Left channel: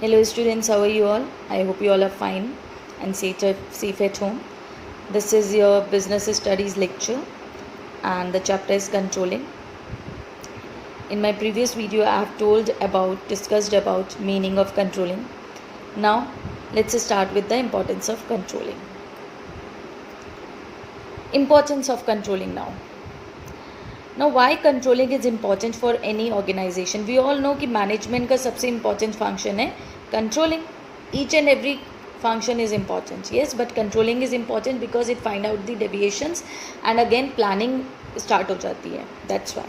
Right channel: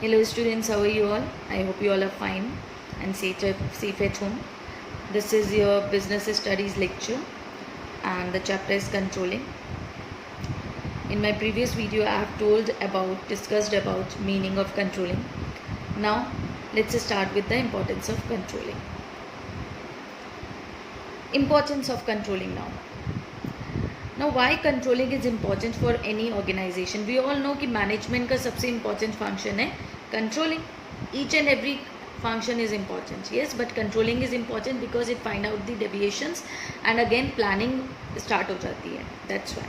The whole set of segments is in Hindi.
Hello students, how are you all? I hope you all are fine and safe at home. This is your business studies lecture and the chapter is controlling. In my previous video I have discussed about meaning of controlling. Now let's start with the importance of controlling. Importance of controlling now. Now why controlling is important for any organization? We all know कि management का सबसे important function है controlling. Each and every function is important, yes, but controlling is important because it find out the deviations and again planning start हो जाती है. That's why.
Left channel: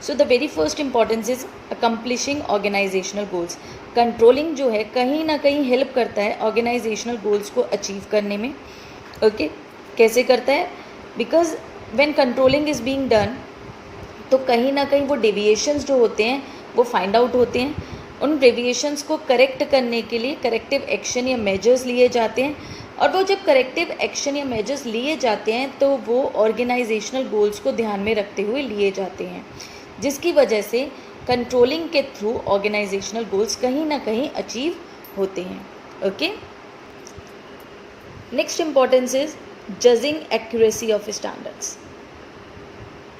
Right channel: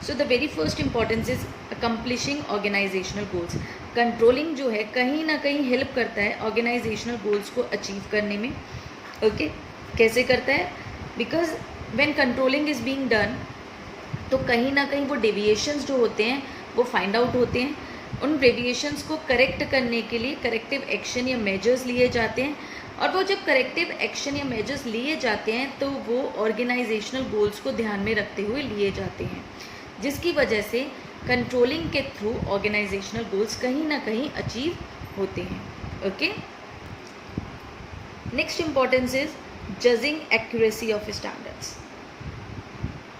So the very first importance is accomplishing organizational goals. Controlling जो है कहीं ना कहीं help करता है organizational goals को achieve करने में. Okay, कैसे करता है? Because when controlling is being done, तो कहीं ना कहीं वो डेविएशंस जो होते हैं वो फाइंड आउट होते हैं. उन डेविएशंस को करेक्ट करने के लिए करेक्टिव एक्शन या मेजर्स लिए जाते हैं और वो जब करेक्टिव एक्शन या मेजर्स लिए जाते हैं तो वो ऑर्गेनाइजेशनल गोल्स को ध्यान में रखते हुए लिए जाते हैं, जिसकी वजह से कंट्रोलिंग के थ्रू ऑर्गेनाइजेशनल गोल्स कहीं ना कहीं अचीव होते हैं. Okay, next importance is judging accuracy of standards.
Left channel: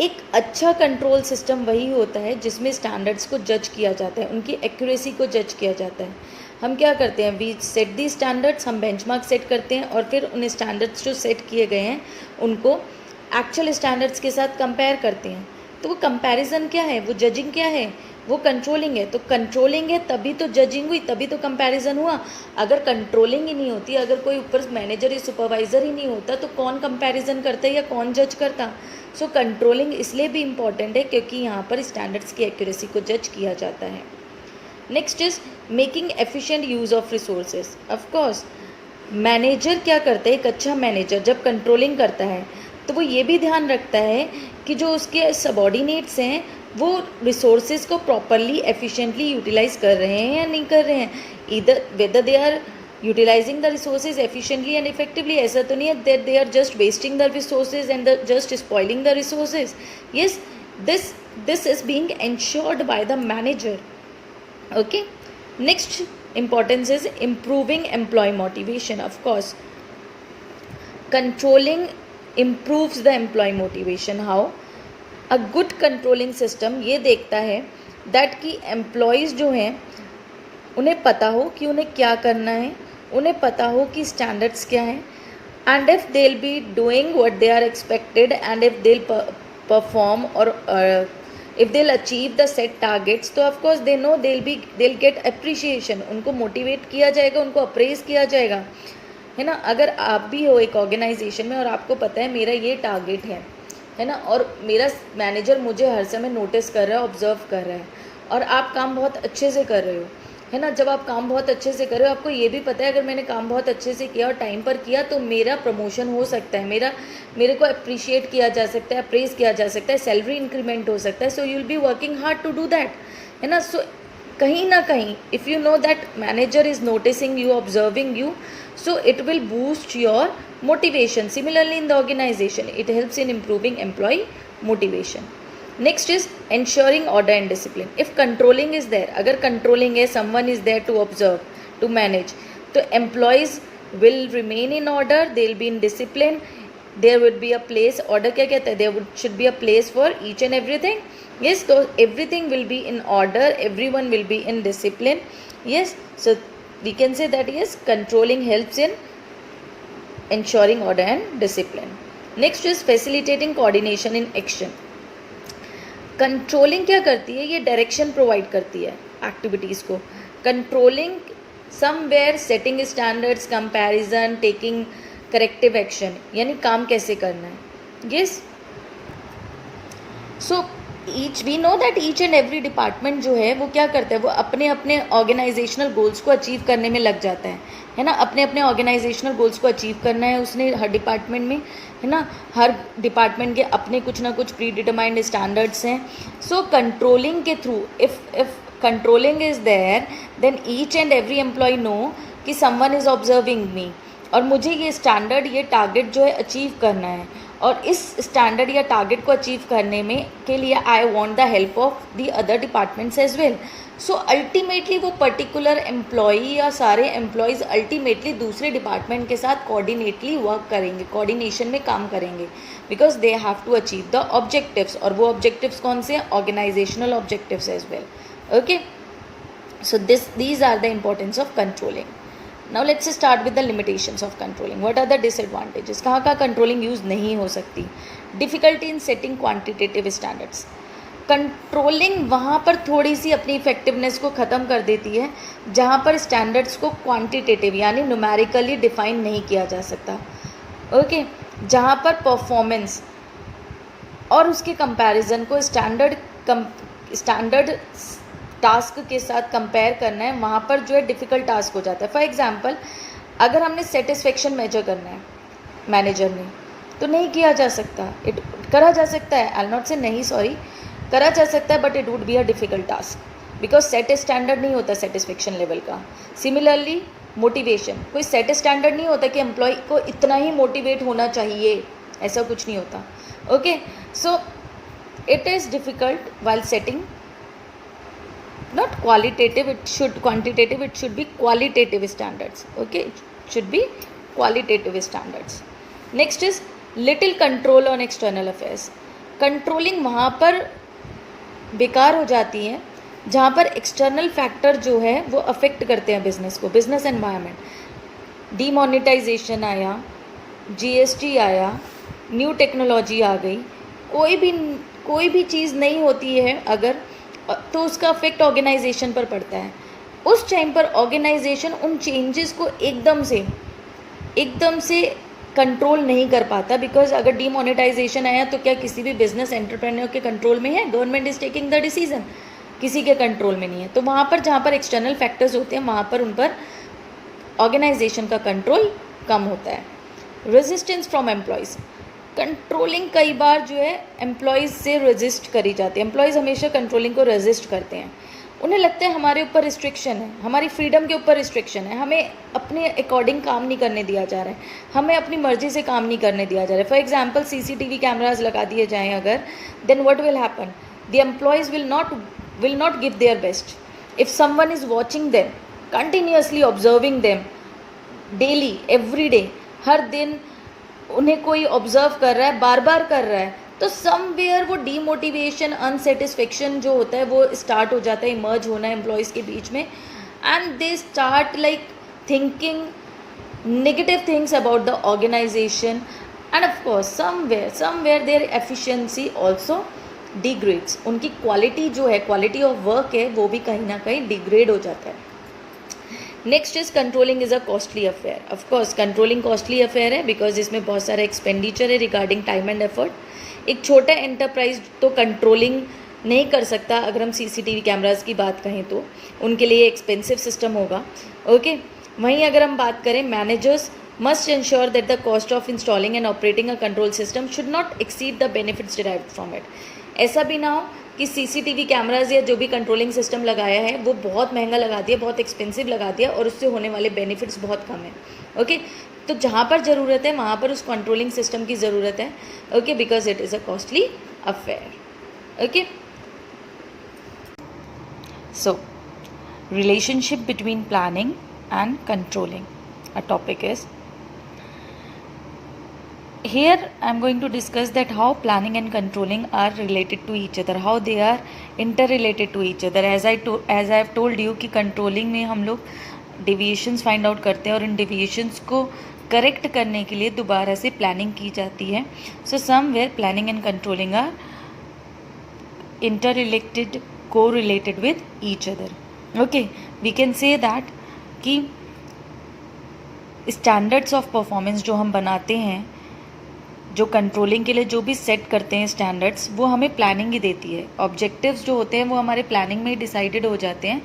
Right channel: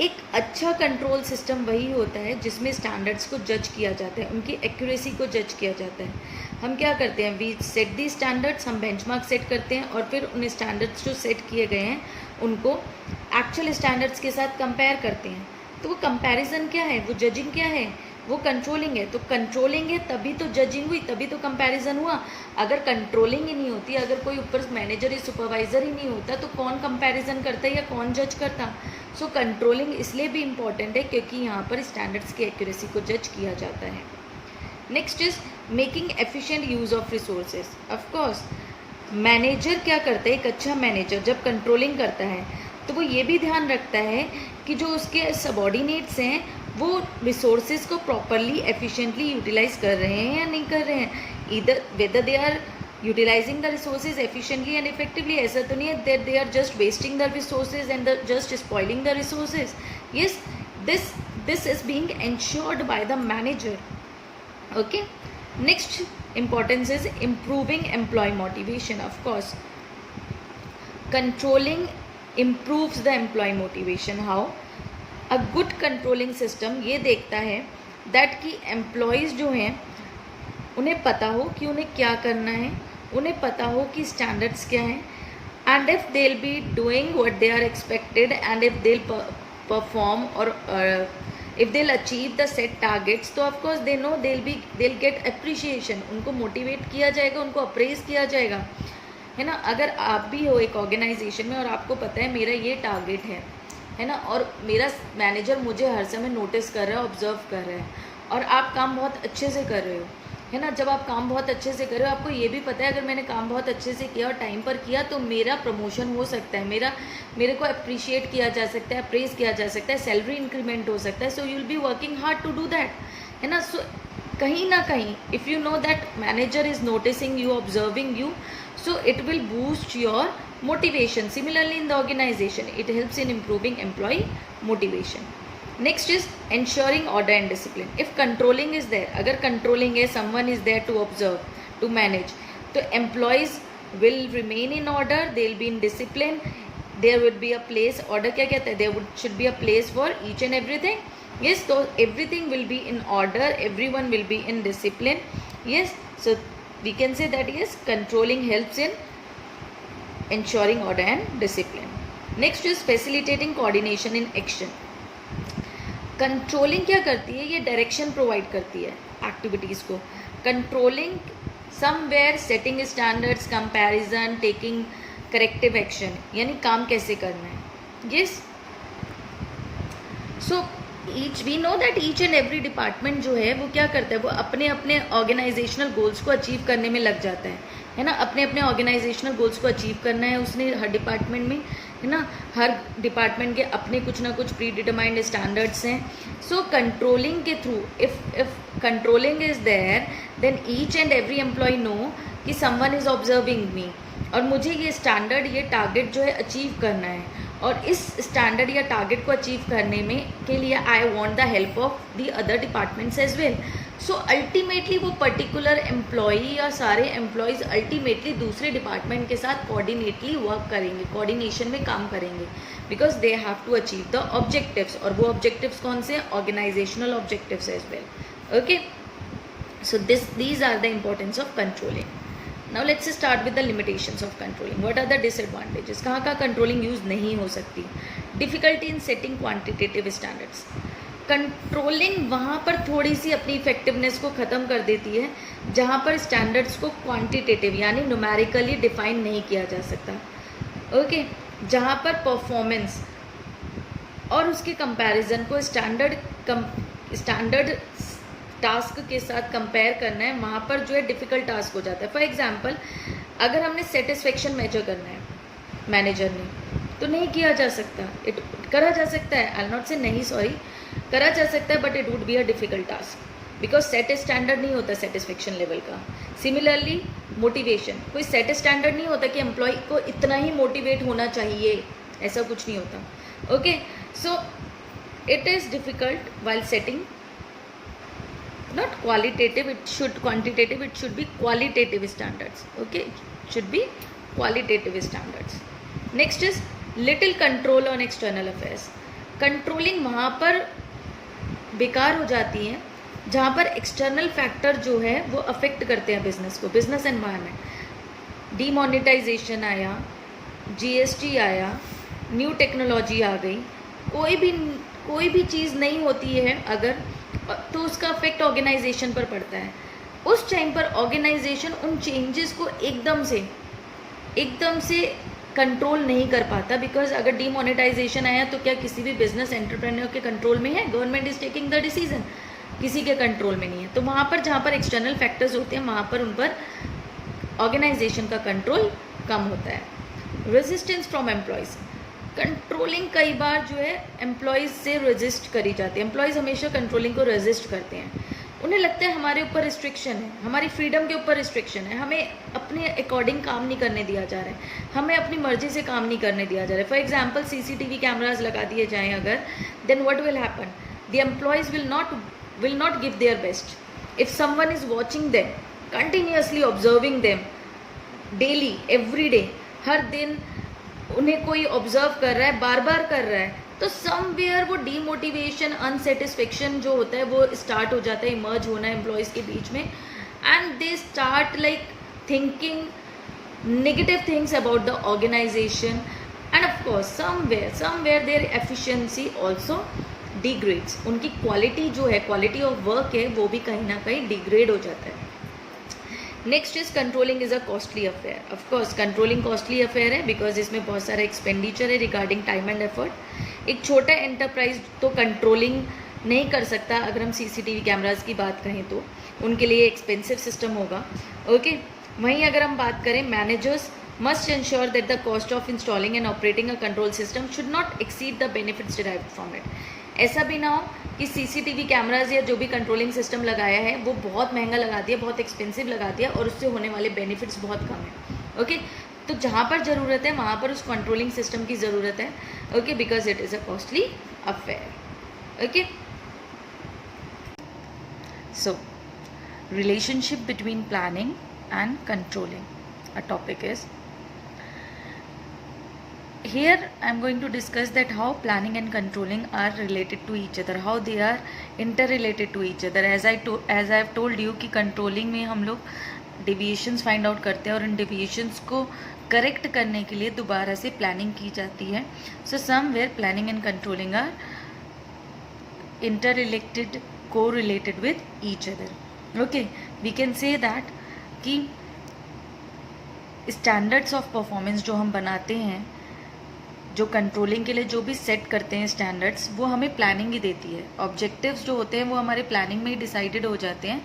एक अच्छा कंट्रोल सिस्टम वही होता है जिसमें स्टैंडर्ड्स को जज किया जाता है, उनकी एक्यूरेसी को जज किया जाता है. हम क्या करते हैं, वी सेट दी स्टैंडर्ड्स, हम बेंचमार्क सेट करते हैं और फिर उन स्टैंडर्ड्स जो सेट किए गए हैं उनको एक्चुअल स्टैंडर्ड्स के साथ कंपेयर करते हैं. तो वो कंपैरिजन क्या है, वो जजिंग क्या है, वो कंट्रोलिंग है. तो कंट्रोलिंग है तभी तो जजिंग हुई, तभी तो कंपैरिजन हुआ. अगर कंट्रोलिंग ही नहीं होती, अगर कोई ऊपर मैनेजर या सुपरवाइजर ही नहीं होता तो कौन कंपैरिजन करता या कौन जज करता. सो कंट्रोलिंग इसलिए भी इम्पॉर्टेंट है क्योंकि यहाँ पर स्टैंडर्ड्स की एक्यूरेसी को जज किया जाता है. Next is making efficient use of resources. Of course manager क्या करता है, एक अच्छा मैनेजर जब कंट्रोलिंग करता है तो वो ये भी ध्यान रखता है कि जो उसके सबॉर्डिनेट्स हैं वो रिसोर्सेज को प्रॉपरली एफिशिएंटली यूटिलाइज कर रहे हैं या नहीं कर रहे हैं. इधर whether they are utilising the resources efficiently and effectively. ऐसा तो नहीं है that they are just wasting the resources and just spoiling the resources. Yes, this is being ensured by the manager. Okay, next importance is improving employ motivation. Of course controlling improves the employee motivation. How? A good controlling system ये देखता है that कि employees जो हैं उन्हें पता हो कि उन्हें क्या करना है, उन्हें पता हो कि standards क्या हैं, and if they'll be doing what they are expected and if they'll perform or if they'll achieve the set targets, तो of course they know they'll get appreciation. उनको motivate किया जाएगा, उनको appraise किया जाएगा, है ना. अगर आप भी हो एक ऑर्गेनाइजेशन में और आपको पता है मेरा ये टारगेट है ना, और मेरा मैनेजर मुझे हर समय नोटिस कर रहा है, ऑब्जर्व कर रहा है और आप काम बहुत अच्छे से कर रहे हो, है ना. जब आप काम बहुत अच्छे से कर रहे हो आपको ये भी पता है अगर मैंने काम बहुत अच्छे से किया और टाइम पर किया तो मेरा प्रमोशन हो सकता है, मेरे को अप्रिशिएट किया जा सकता है, अप्रेज किया जा सकता है, सैलरी इंक्रीमेंट हो सकता है. So you will be working hard to do that, है ना. सो कहीं ना कहीं if you know that manager is noticing you, observing you, so it will boost your motivation. Similarly in the organization it helps in improving employee motivation. Next is ensuring order and discipline. If controlling is there, agar controlling है, someone is there to observe, to manage, तो employees will remain in order, they will be in discipline, there would be a place, order क्या कहता है, there should be a place for each and everything. Yes, so everything will be in order, everyone will be in discipline. Yes, so we can say that yes, controlling helps in ensuring order and discipline. Next is facilitating coordination in action. Controlling क्या करती है, ये डायरेक्शन प्रोवाइड करती है एक्टिविटीज़ को. Controlling somewhere setting standards, comparison, taking corrective action, यानी काम कैसे करना है. Yes, so we know that each and every department जो है वो क्या करता है, वो अपने अपने ऑर्गेनाइजेशनल गोल्स को अचीव करने में लग जाता है ना. अपने अपने ऑर्गेनाइजेशनल गोल्स को अचीव करना है उसने हर डिपार्टमेंट में, है ना. हर डिपार्टमेंट के अपने कुछ ना कुछ प्री डिटरमाइंड स्टैंडर्ड्स हैं. सो कंट्रोलिंग के through if controlling is there then each and every employ know कि समवन इज़ ऑब्जर्विंग मी और मुझे ये स्टैंडर्ड, ये टारगेट जो है अचीव करना है और इस स्टैंडर्ड या टारगेट को अचीव करने में के लिए I want the help of the other departments as well. So ultimately वो पर्टिकुलर एम्प्लॉई या सारे एम्प्लॉयज़ अल्टीमेटली दूसरे डिपार्टमेंट के साथ कोऑर्डिनेटली वर्क करेंगे, कोऑर्डिनेशन में काम करेंगे, because they have to achieve the objectives. और वो ऑब्जेक्टिव्स कौन से हैं? Organisational objectives as well. Okay, so these are the importance of controlling. Now let's start with the limitations of controlling. What are the disadvantages? कहाँ कहाँ controlling यूज़ नहीं हो सकती? Difficulty in setting quantitative standards. Controlling वहाँ पर थोड़ी सी अपनी इफेक्टिवनेस को ख़त्म कर देती है जहाँ पर स्टैंडर्ड्स को क्वांटिटेटिव यानी न्यूमेरिकली डिफाइन नहीं किया जा सकता। ओके, जहाँ पर परफॉर्मेंस और उसके कंपैरिजन को स्टैंडर्ड टास्क के साथ कंपेयर करना है, वहाँ पर जो है डिफ़िकल्ट टास्क हो जाता है। फॉर एग्जांपल, अगर हमने सेटिस्फेक्शन मेजर करना है मैनेजर ने, तो नहीं किया जा सकता। करा जा सकता है, आई नॉट से नहीं, सॉरी, करा जा सकता है, but it would be a difficult task because set standard नहीं होता सेटिस्फेक्शन लेवल का। सिमिलरली मोटिवेशन, कोई सेट स्टैंडर्ड नहीं होता कि एम्प्लॉय को इतना ही मोटिवेट होना चाहिए, ऐसा कुछ नहीं होता। Okay, so it is difficult while setting not qualitative, it should quantitative, it should be qualitative standards. Okay, it should be qualitative standards. Next is little control on external affairs. Controlling वहाँ पर बेकार हो जाती है जहाँ पर एक्सटर्नल फैक्टर जो है वो अफेक्ट करते हैं बिजनेस को, बिजनेस एनवायरनमेंट। डीमोनेटाइजेशन आया, जीएसटी आया, न्यू टेक्नोलॉजी आ गई, कोई भी चीज़ नहीं होती है अगर, तो उसका अफेक्ट ऑर्गेनाइजेशन पर पड़ता है। उस टाइम पर ऑर्गेनाइजेशन उन चेंजेस को एकदम से कंट्रोल नहीं कर पाता, बिकॉज अगर डीमोनेटाइजेशन आया तो क्या किसी भी बिजनेस एंटरप्रेन्योर के कंट्रोल में है? Government is taking the decision, किसी के कंट्रोल में नहीं है। तो वहाँ पर जहाँ पर एक्सटर्नल फैक्टर्स होते हैं वहाँ पर उन पर ऑर्गेनाइजेशन का कंट्रोल कम होता है। रेजिस्टेंस फ्रॉम एम्प्लॉयज़, कंट्रोलिंग कई बार जो है एम्प्लॉयज़ से रेजिस्ट करी जाती है। एम्प्लॉयज़ हमेशा कंट्रोलिंग को रेजिस्ट करते हैं, उन्हें लगता है हमारे ऊपर रिस्ट्रिक्शन है, हमारी फ्रीडम के ऊपर रिस्ट्रिक्शन है, हमें अपने अकॉर्डिंग काम नहीं करने दिया जा रहा है, हमें अपनी मर्जी से काम नहीं करने दिया जा रहा है। फॉर एग्जाम्पल, CCTV कैमराज लगा दिए जाएँ अगर, then what will happen? The employees will not give their best. If someone is watching them, continuously observing them daily, every day, हर दिन उन्हें कोई ऑब्जर्व कर रहा है, बार बार कर रहा है, तो समवेयर वो डीमोटिवेशन, अनसेटिस्फेक्शन जो होता है वो स्टार्ट हो जाता है, इमर्ज होना एम्प्लॉयज़ के बीच में, and they start like thinking negative things about the organisation, and of course somewhere their efficiency also degrades. उनकी क्वालिटी जो है, क्वालिटी ऑफ वर्क है, वो भी कहीं ना कहीं डिग्रेड हो जाता है। Next is controlling is a costly affair. Of course controlling costly affair है बिकॉज इसमें बहुत सारा एक्सपेंडिचर है रिगार्डिंग टाइम एंड एफर्ट। एक छोटा एंटरप्राइज तो कंट्रोलिंग नहीं कर सकता, अगर हम CCTV कैमराज की बात कहें तो उनके लिए एक्सपेंसिव सिस्टम होगा। ओके, वहीं अगर हम बात करें, managers must ensure that the cost of installing and operating a control system should not exceed the benefits derived from it. ऐसा भी ना हो कि CCTV कैमराज या जो भी कंट्रोलिंग सिस्टम लगाया है वो बहुत महंगा लगा दिया, बहुत एक्सपेंसिव लगा दिया और उससे होने वाले बेनिफिट्स बहुत कम है। ओके, तो जहाँ पर ज़रूरत है वहाँ पर उस कंट्रोलिंग सिस्टम की ज़रूरत है। Okay, because it is a costly affair. Okay, so relationship between planning and controlling, a topic is here I am going to discuss that how planning and controlling are related to each other, how they are interrelated to each other. as I have told you कि controlling में हम लोग deviations find out करते हैं और इन deviations को correct करने के लिए दोबारा से planning की जाती है. So somewhere planning and controlling are interrelated, correlated with each other. Okay, we can say that कि standards of performance जो हम बनाते हैं, जो कंट्रोलिंग के लिए जो भी सेट करते हैं स्टैंडर्ड्स, वो हमें प्लानिंग ही देती है. ऑब्जेक्टिव्स जो होते हैं वो हमारे प्लानिंग में ही डिसाइडेड हो जाते हैं.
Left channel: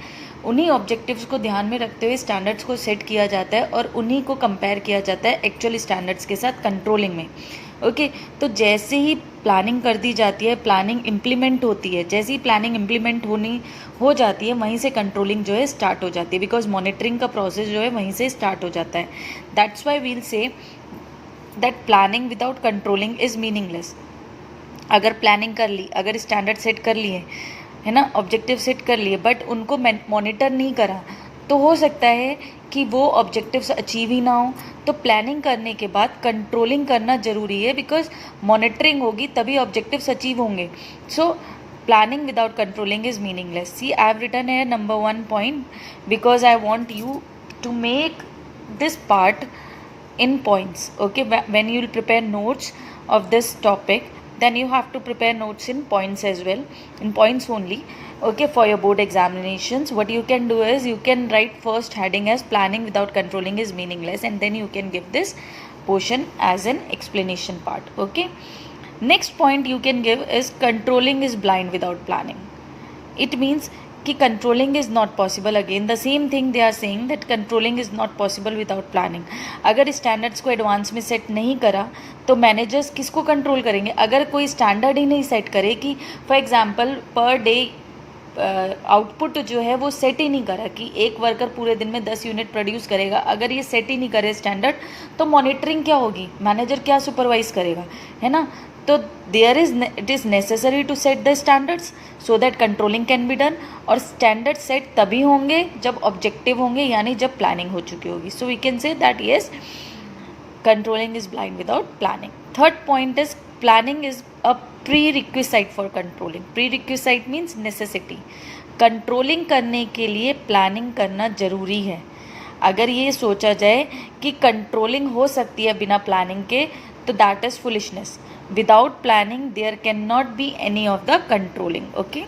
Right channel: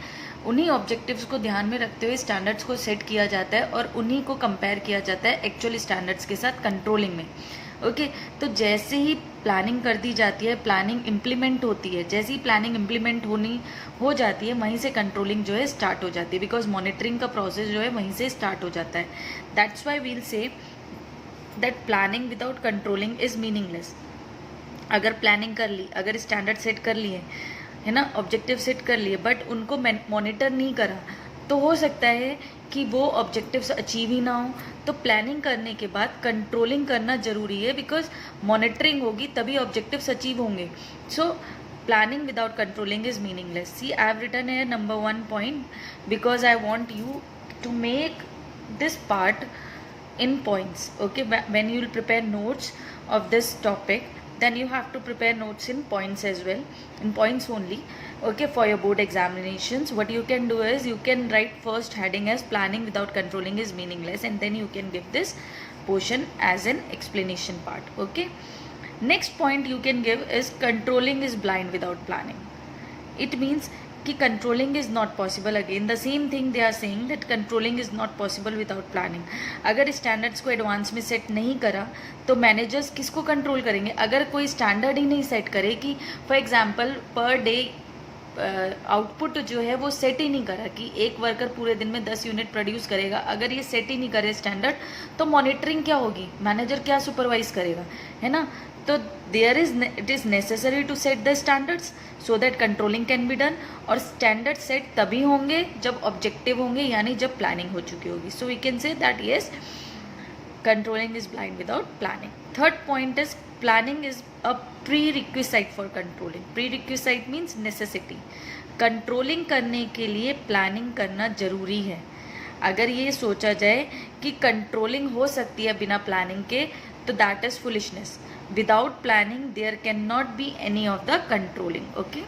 उन्हीं ऑब्जेक्टिव्स को ध्यान में रखते हुए स्टैंडर्ड्स को सेट किया जाता है और उन्हीं को कंपेयर किया जाता है एक्चुअल स्टैंडर्ड्स के साथ कंट्रोलिंग में. ओके, तो जैसे ही प्लानिंग कर दी जाती है, प्लानिंग इम्प्लीमेंट होती है, जैसे ही प्लानिंग इम्प्लीमेंट हो जाती है वहीं से कंट्रोलिंग जो है स्टार्ट हो जाती है, बिकॉज मॉनिटरिंग का प्रोसेस जो है वहीं से स्टार्ट हो जाता है. That's why we'll say that planning without controlling is meaningless. अगर प्लानिंग कर ली, अगर स्टैंडर्ड सेट कर लिए, है ना, ऑब्जेक्टिव सेट कर लिए, बट उनको मॉनिटर नहीं करा, तो हो सकता है कि वो ऑब्जेक्टिव्स अचीव ही ना हो। तो प्लानिंग करने के बाद कंट्रोलिंग करना ज़रूरी है, बिकॉज मॉनिटरिंग होगी तभी ऑब्जेक्टिव्स अचीव होंगे। So planning without controlling is meaningless. See, I have written a number 1 point because I want you to make this part in points. Okay, when you will prepare notes of this topic, then you have to prepare notes in points as well, in points only. Okay, for your board examinations, what you can do is you can write first heading as planning without controlling is meaningless, and then you can give this portion as an explanation part. Okay, next point you can give is controlling is blind without planning. It means कि controlling is not possible. Again the same thing they are saying that controlling is not possible without planning. अगर स्टैंडर्ड्स को एडवांस में सेट नहीं करा तो मैनेजर्स किसको कंट्रोल करेंगे? अगर कोई स्टैंडर्ड ही नहीं सेट करे कि for example per day output जो है वो सेट ही नहीं करा कि एक वर्कर पूरे दिन में 10 यूनिट प्रोड्यूस करेगा, अगर ये सेट ही नहीं करे स्टैंडर्ड, तो मॉनिटरिंग क्या होगी? मैनेजर क्या सुपरवाइज करेगा, है ना? तो it is necessary to set the standards so that controlling can be done. और स्टैंडर्ड सेट तभी होंगे जब ऑब्जेक्टिव होंगे, यानी जब प्लानिंग हो चुकी होगी। So we can say that yes, controlling is blind without planning. Third point is planning is a prerequisite for controlling. Prerequisite means necessity. Controlling करने के लिए प्लानिंग करना ज़रूरी है। अगर ये सोचा जाए कि कंट्रोलिंग हो सकती है बिना प्लानिंग के, तो that is foolishness. Without planning there cannot be any of the controlling. Okay,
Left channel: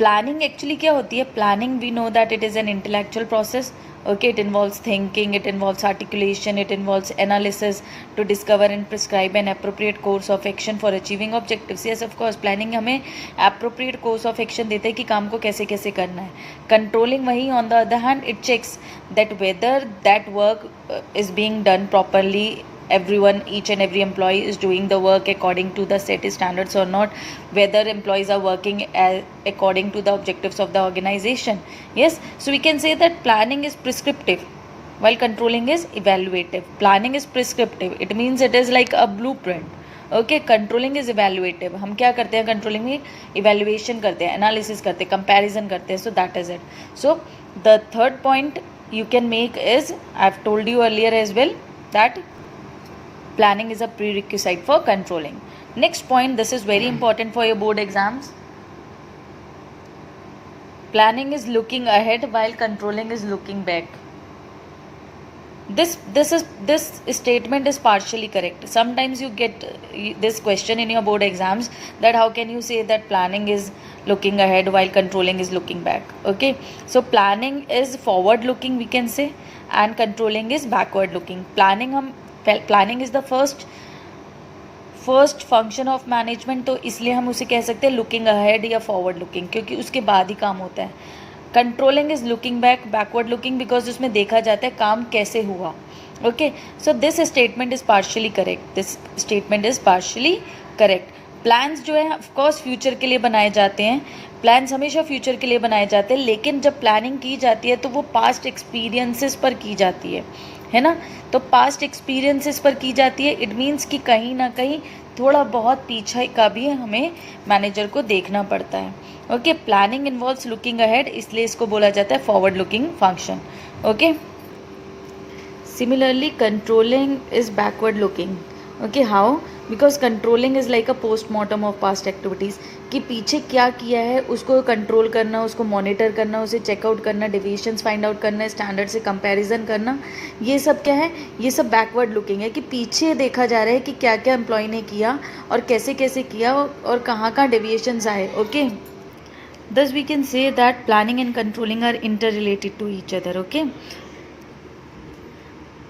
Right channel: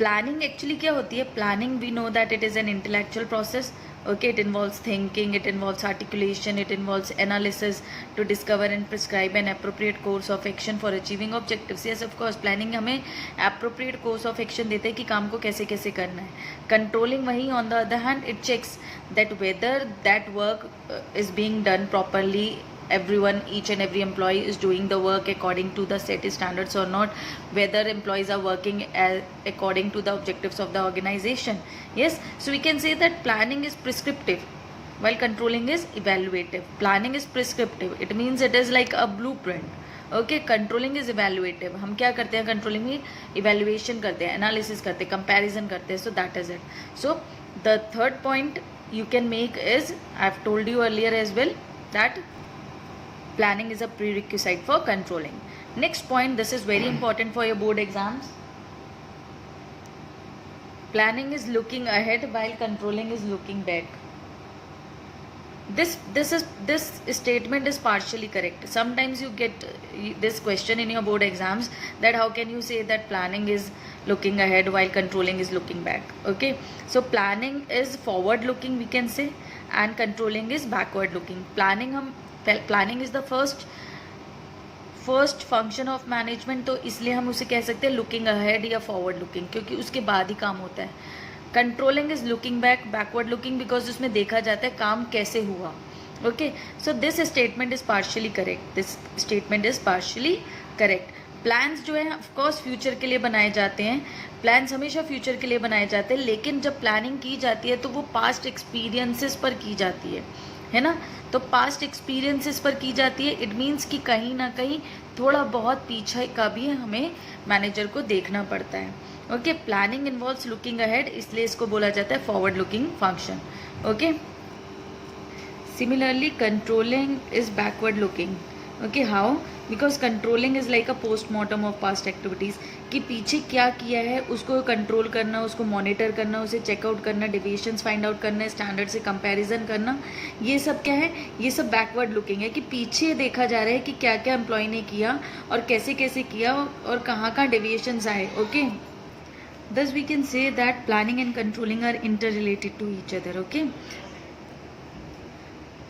planning actually क्या होती है? Planning we know that it is an intellectual process. Okay, it involves thinking, it involves articulation, it involves analysis to discover and prescribe an appropriate course of action for achieving objectives. Yes, of course, planning हमें appropriate course of action देते हैं कि काम को कैसे कैसे करना है। Controlling वही on the other hand it checks that whether that work is being done properly, everyone, each and every employee is doing the work according to the set standards or not, whether employees are working according to the objectives of the organization. Yes, so we can say that planning is prescriptive while controlling is evaluative. Planning is prescriptive, it means it is like a blueprint. Okay, controlling is evaluative. हम क्या करते हैं कंट्रोलिंग में? evaluation करते हैं, analysis करते हैं, comparison करते हैं. So that is it. So the third point you can make is, I have told you earlier as well, that planning is a prerequisite for controlling. Next point, this is very important for your board exams. Planning is looking ahead while controlling is looking back. This statement is partially correct. Sometimes you get this question in your board exams, that how can you say that planning is looking ahead while controlling is looking back? Okay, so planning is forward looking, we can say, and controlling is backward looking. Planning is the first function of management, तो इसलिए हम उसे कह सकते हैं लुकिंग अहेड या फॉरवर्ड लुकिंग, क्योंकि उसके बाद ही काम होता है। Controlling is looking back, backward looking, because उसमें देखा जाता है काम कैसे हुआ। Okay, so this statement is partially correct. Plans जो है ऑफकोर्स फ्यूचर के लिए बनाए जाते हैं, प्लान्स हमेशा फ्यूचर के लिए बनाए जाते हैं, लेकिन जब प्लानिंग की जाती है तो वो पास्ट एक्सपीरियंसेस पर की जाती है ना? तो पास्ट एक्सपीरियंसेस पर की जाती है, इट मीन्स कि कहीं ना कहीं थोड़ा बहुत पीछे का भी हमें मैनेजर को देखना पड़ता है। Okay, planning involves looking ahead, इसलिए इसको बोला जाता है forward looking function. Okay, similarly controlling is backward looking. Okay, how? Because controlling is like a postmortem of past activities, कि पीछे क्या किया है उसको कंट्रोल करना, उसको मॉनिटर करना, उसे चेकआउट करना, डेविएशंस फाइंड आउट करना, स्टैंडर्ड से कंपैरिजन करना, ये सब क्या है? ये सब बैकवर्ड लुकिंग है, कि पीछे देखा जा रहा है कि क्या क्या एम्प्लॉय ने किया और कैसे कैसे किया और कहाँ कहाँ डेविएशंस आए। Okay, thus we can say that planning and controlling are interrelated to each other. Okay,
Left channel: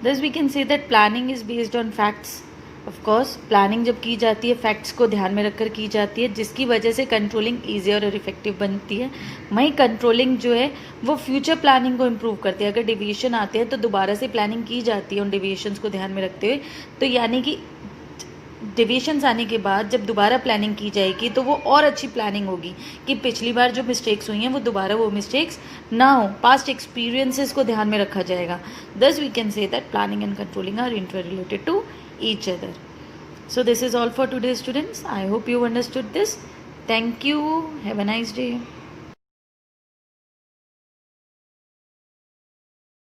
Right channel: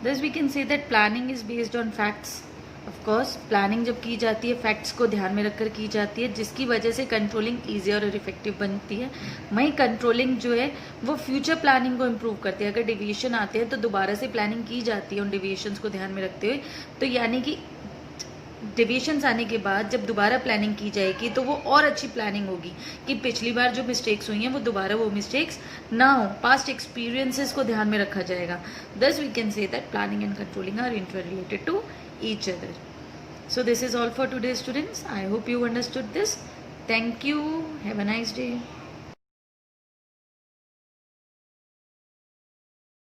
thus we can say that planning is based on facts. Of course planning जब की जाती है फैक्ट्स को ध्यान में रखकर की जाती है, जिसकी वजह से कंट्रोलिंग ईजी और इफेक्टिव बनती है। वहीं कंट्रोलिंग जो है वो फ्यूचर प्लानिंग को इम्प्रूव करती है। अगर डेविएशन आते हैं तो दोबारा से प्लानिंग की जाती है उन डेविएशंस को ध्यान में रखते हुए, तो यानी कि डेविएशंस आने के बाद जब दोबारा प्लानिंग की जाएगी तो वो और अच्छी प्लानिंग होगी कि पिछली बार जो मिस्टेक्स हुई हैं वो दोबारा वो मिस्टेक्स ना हो, पास्ट एक्सपीरियंसेस को ध्यान में रखा जाएगा. Thus we can say that planning and controlling are interrelated to each other. So this is all for today, students. I hope you understood this. Thank you. Have a nice day.